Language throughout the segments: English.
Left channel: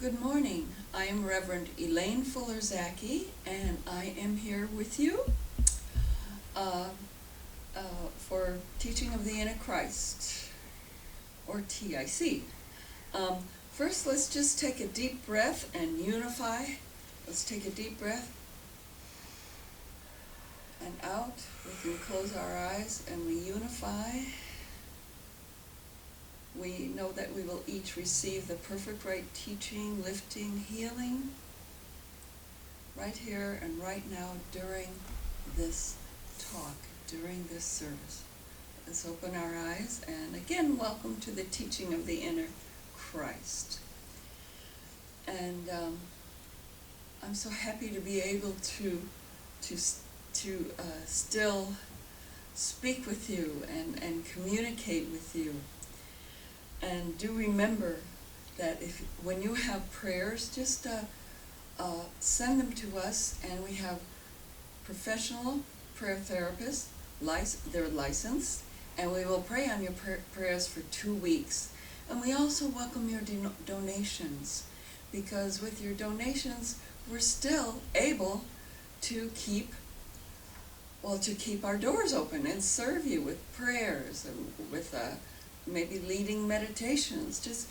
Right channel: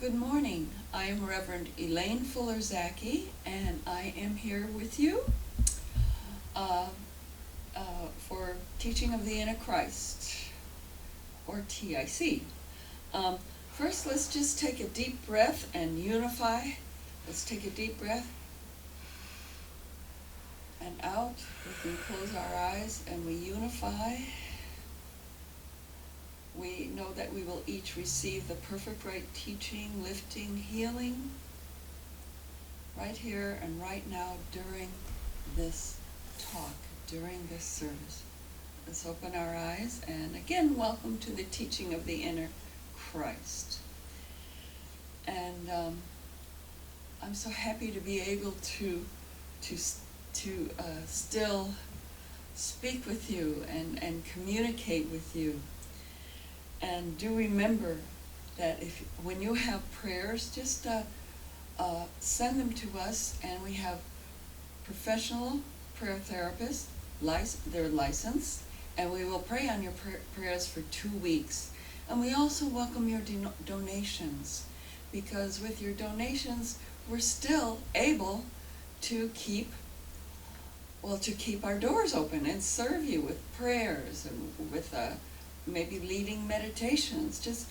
Good morning. I am Reverend Elaine Fuller-Zachey, and I am here with you uh, for Teaching of the Inner Christ, or TIC. First, let's just take a deep breath and unify. Let's take a deep breath and out. We can close our eyes and we unify. We know that we will each receive the perfect right teaching, lifting, healing, right here and right now during this talk, during this service. Let's open our eyes, and again, welcome to the teaching of the inner Christ. And I'm so happy to be able to still speak with you and communicate with you. And do remember that when you have prayers, just send them to us, and we have professional prayer therapists, they're licensed, and we will pray on your prayers for 2 weeks. And we also welcome your donations, because with your donations, we're still able to keep our doors open and serve you with prayers and with maybe leading meditations. Just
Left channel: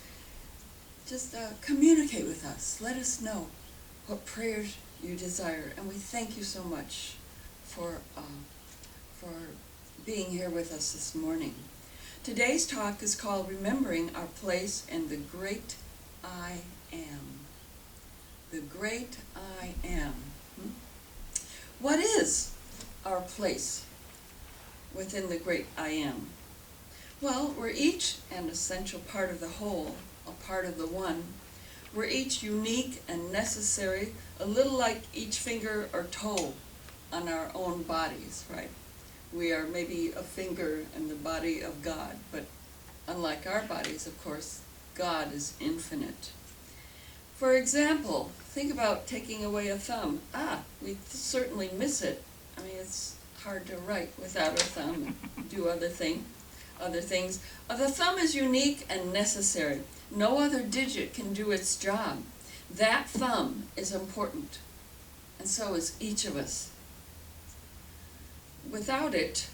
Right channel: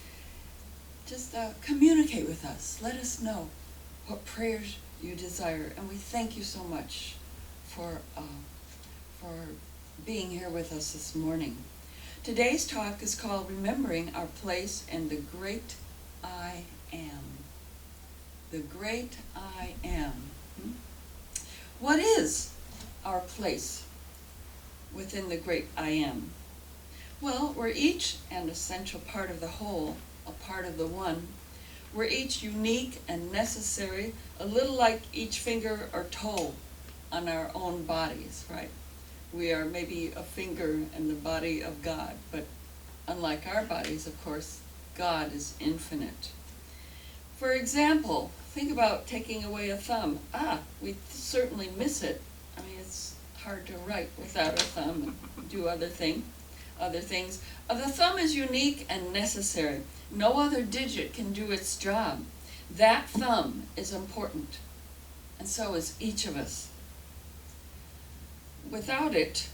communicate with us. Let us know what prayers you desire, and we thank you so much for being here with us this morning. Today's talk is called Remembering Our Place in the Great I Am. The Great I Am. What is our place within the Great I Am? Well, we're each an essential part of the whole, a part of the one. We're each unique and necessary, a little like each finger or toe on our own bodies, right? We are maybe a finger in the body of God, but unlike our bodies, of course, God is infinite. For example, think about taking away a thumb. We certainly miss it. I mean, it's hard to write without a thumb and do other things. The thumb is unique and necessary. No other digit can do its job. That thumb is important, and so is each of us. Without it,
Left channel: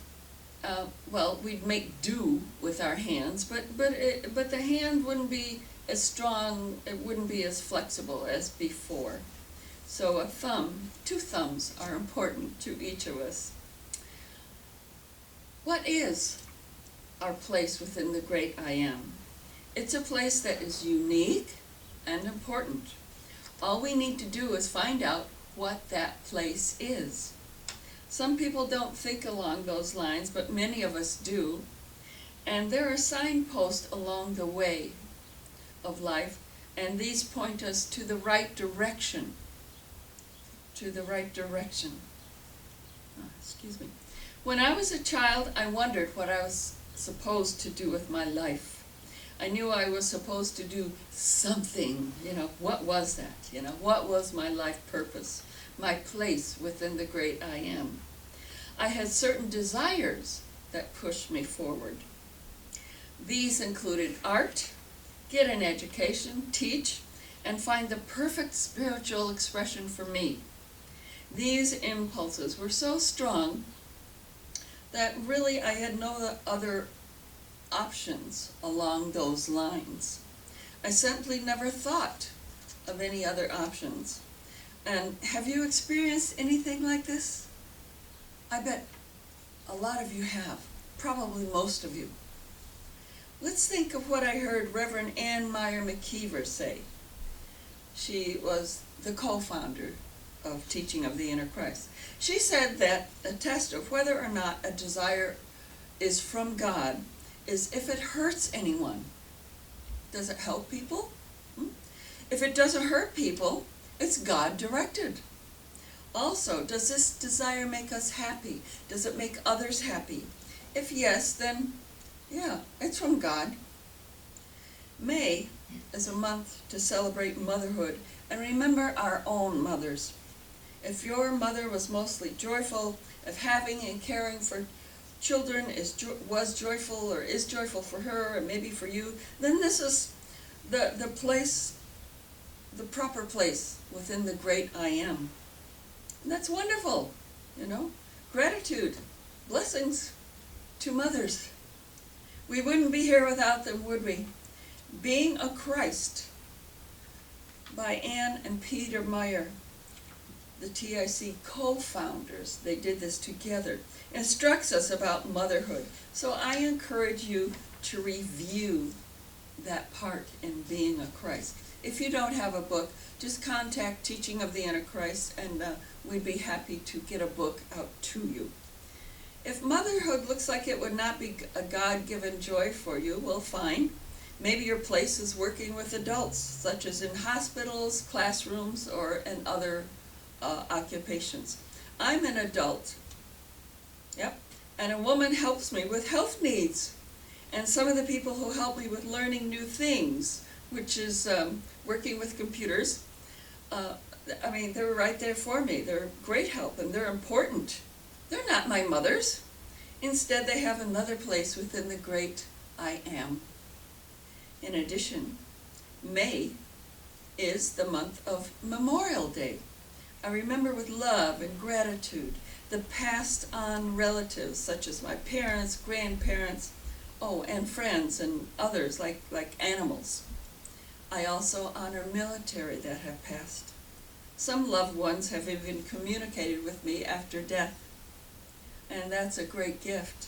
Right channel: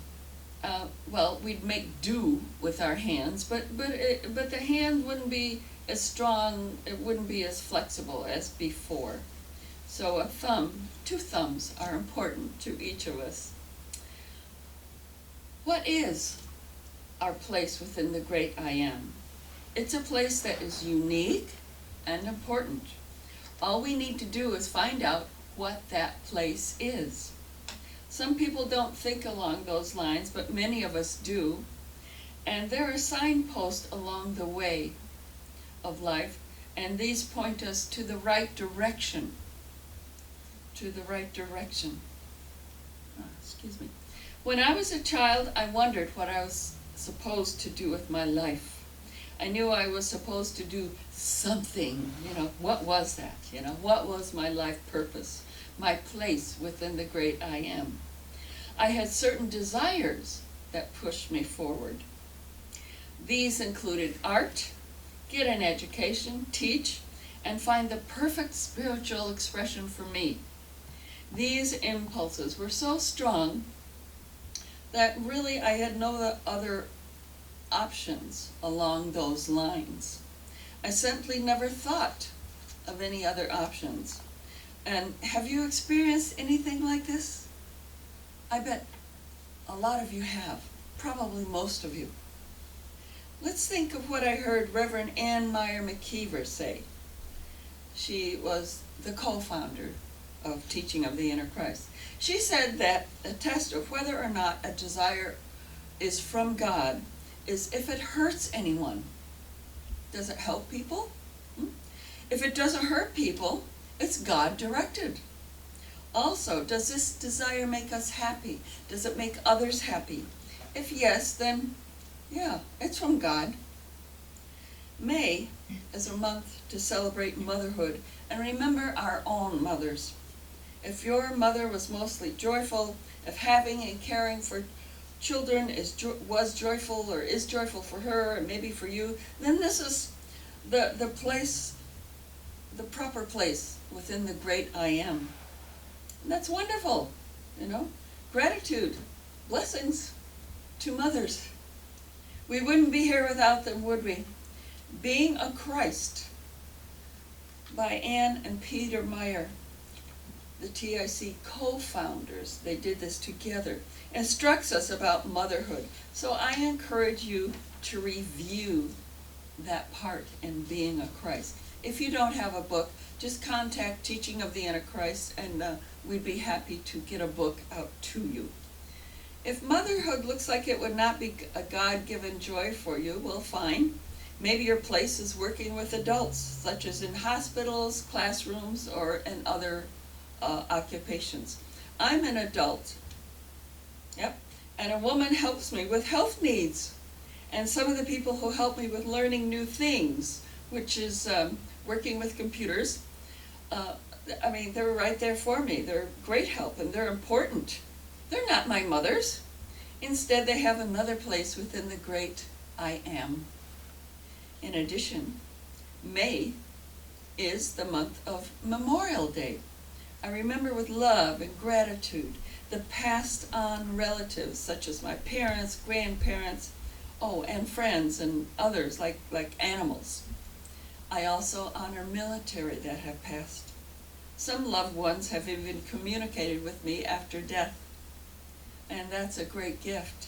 we'd make do with our hands, but the hand wouldn't be as strong, it wouldn't be as flexible as before. So two thumbs are important to each of us. What is our place within the Great I Am? It's a place that is unique and important. All we need to do is find out what that place is. Some people don't think along those lines, but many of us do. And there are signposts along the way of life, and these point us to the right direction. To the right direction. Excuse me. When I was a child, I wondered what I was supposed to do with my life. I knew I was supposed to do something. What was that? What was my life purpose, my place within the Great I Am? I had certain desires that pushed me forward. These included art, get an education, teach, and find the perfect spiritual expression for me. These impulses were so strong that really I had no other options along those lines. I simply never thought of any other options. And have you experienced anything like this? I bet a lot of you have, probably most of you. Let's think of what I heard Reverend Ann Meyer McKeever say. She was the co-founder of Teaching of the Inner Christ. She said that a test of whether or not a desire is from God is if it hurts anyone. Does it help people? If it doesn't hurt people, it's God directed. Also, does this desire make us happy? Does it make others happy? If yes, then yeah, it's from God. May is a month to celebrate motherhood and remember our own mothers. If your mother was mostly joyful, if having and caring for children was joyful or is joyful for her, or maybe for you, then this is the place the proper place within the great I am. And that's wonderful, you know. Gratitude, blessings to mothers. We wouldn't be here without them, would we? Being a Christ by Ann and Peter Meyer, the TIC co-founders. They did this together. Instructs us about motherhood. So I encourage you to review that part in being a Christ. If you don't have a book, just contact Teaching of the Antichrist, and we'd be happy to get a book out to you. If motherhood looks like it would not be a God-given joy for you, well, fine. Maybe your place is working with adults, such as in hospitals, classrooms, or in other occupations. I'm an adult, yep, and a woman helps me with health needs. And some of the people who help me with learning new things, which is working with computers, I mean, they're right there for me. They're great help, and they're important. They're not my mothers. Instead, they have another place within the great I am. In addition, May is the month of Memorial Day. I remember with love and gratitude the passed on relatives, such as my parents, grandparents, and friends and others like animals. I also honor military that have passed. Some loved ones have even communicated with me after death, and that's a great gift.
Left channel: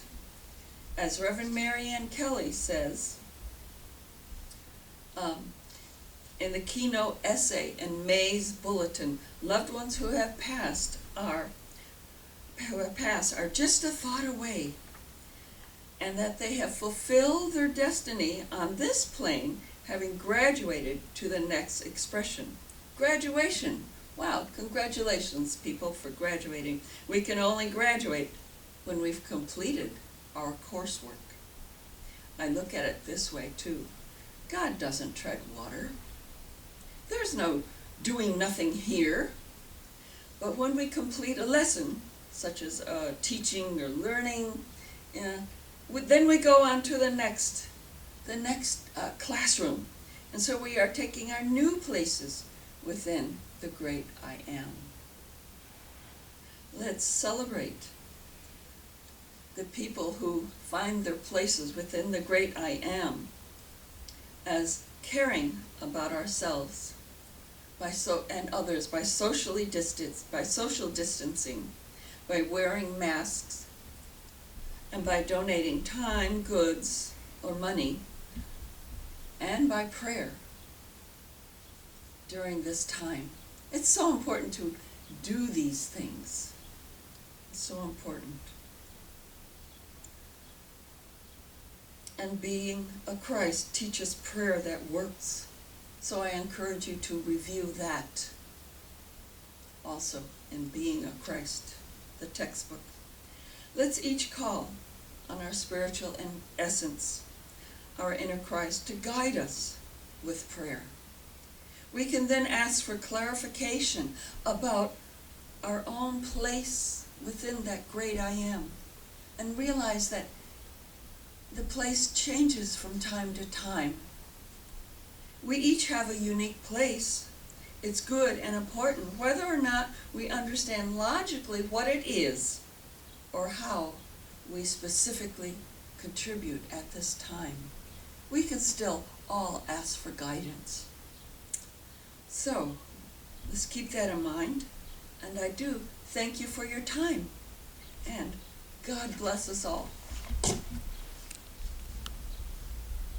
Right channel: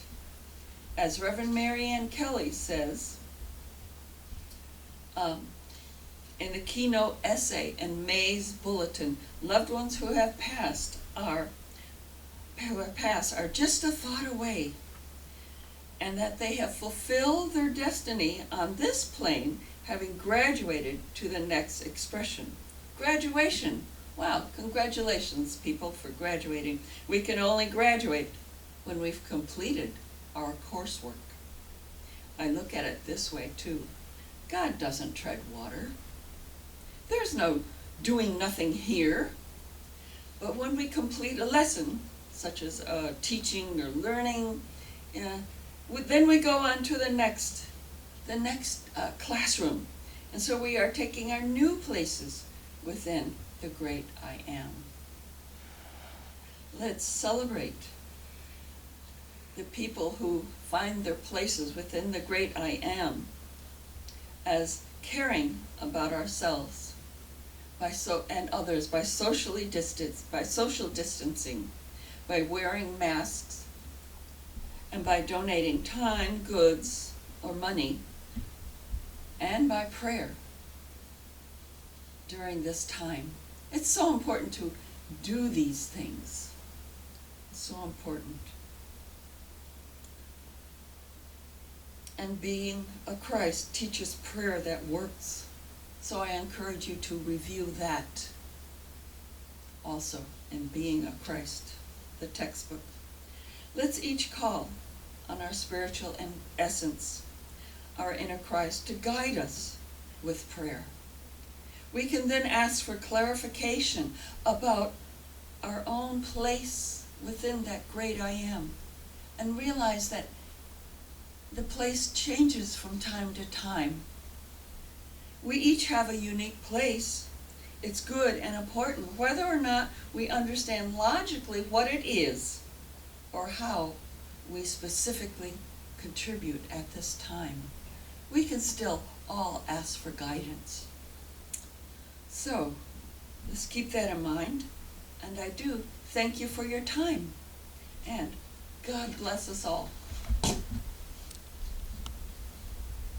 As Reverend Mary Ann Kelly says, in the keynote essay in May's bulletin, loved ones who have passed are just a thought away, and that they have fulfilled their destiny on this plane, having graduated to the next expression. Graduation. Wow, congratulations, people, for graduating. We can only graduate when we've completed our coursework. I look at it this way, too. God doesn't tread water. There's no doing nothing here. But when we complete a lesson, such as teaching or learning, then we go on to the next classroom. And so we are taking our new places within the great I am. Let's celebrate the people who find their places within the great I am as caring about ourselves and others by social distancing, by wearing masks, and by donating time, goods, or money, and by prayer during this time. It's so important to do these things. It's so important. And being a Christ teaches prayer that works. So I encourage you to review that also in Being a Christ, the textbook. Let's each call on our spiritual essence, our inner Christ, to guide us with prayer. We can then ask for clarification about our own place within that great I am, and realize that the place changes from time to time. We each have a unique place. It's good and important, whether or not we understand logically what it is or how we specifically contribute at this time. We can still all ask for guidance. So, let's keep that in mind. And I do thank you for your time. And God bless us all.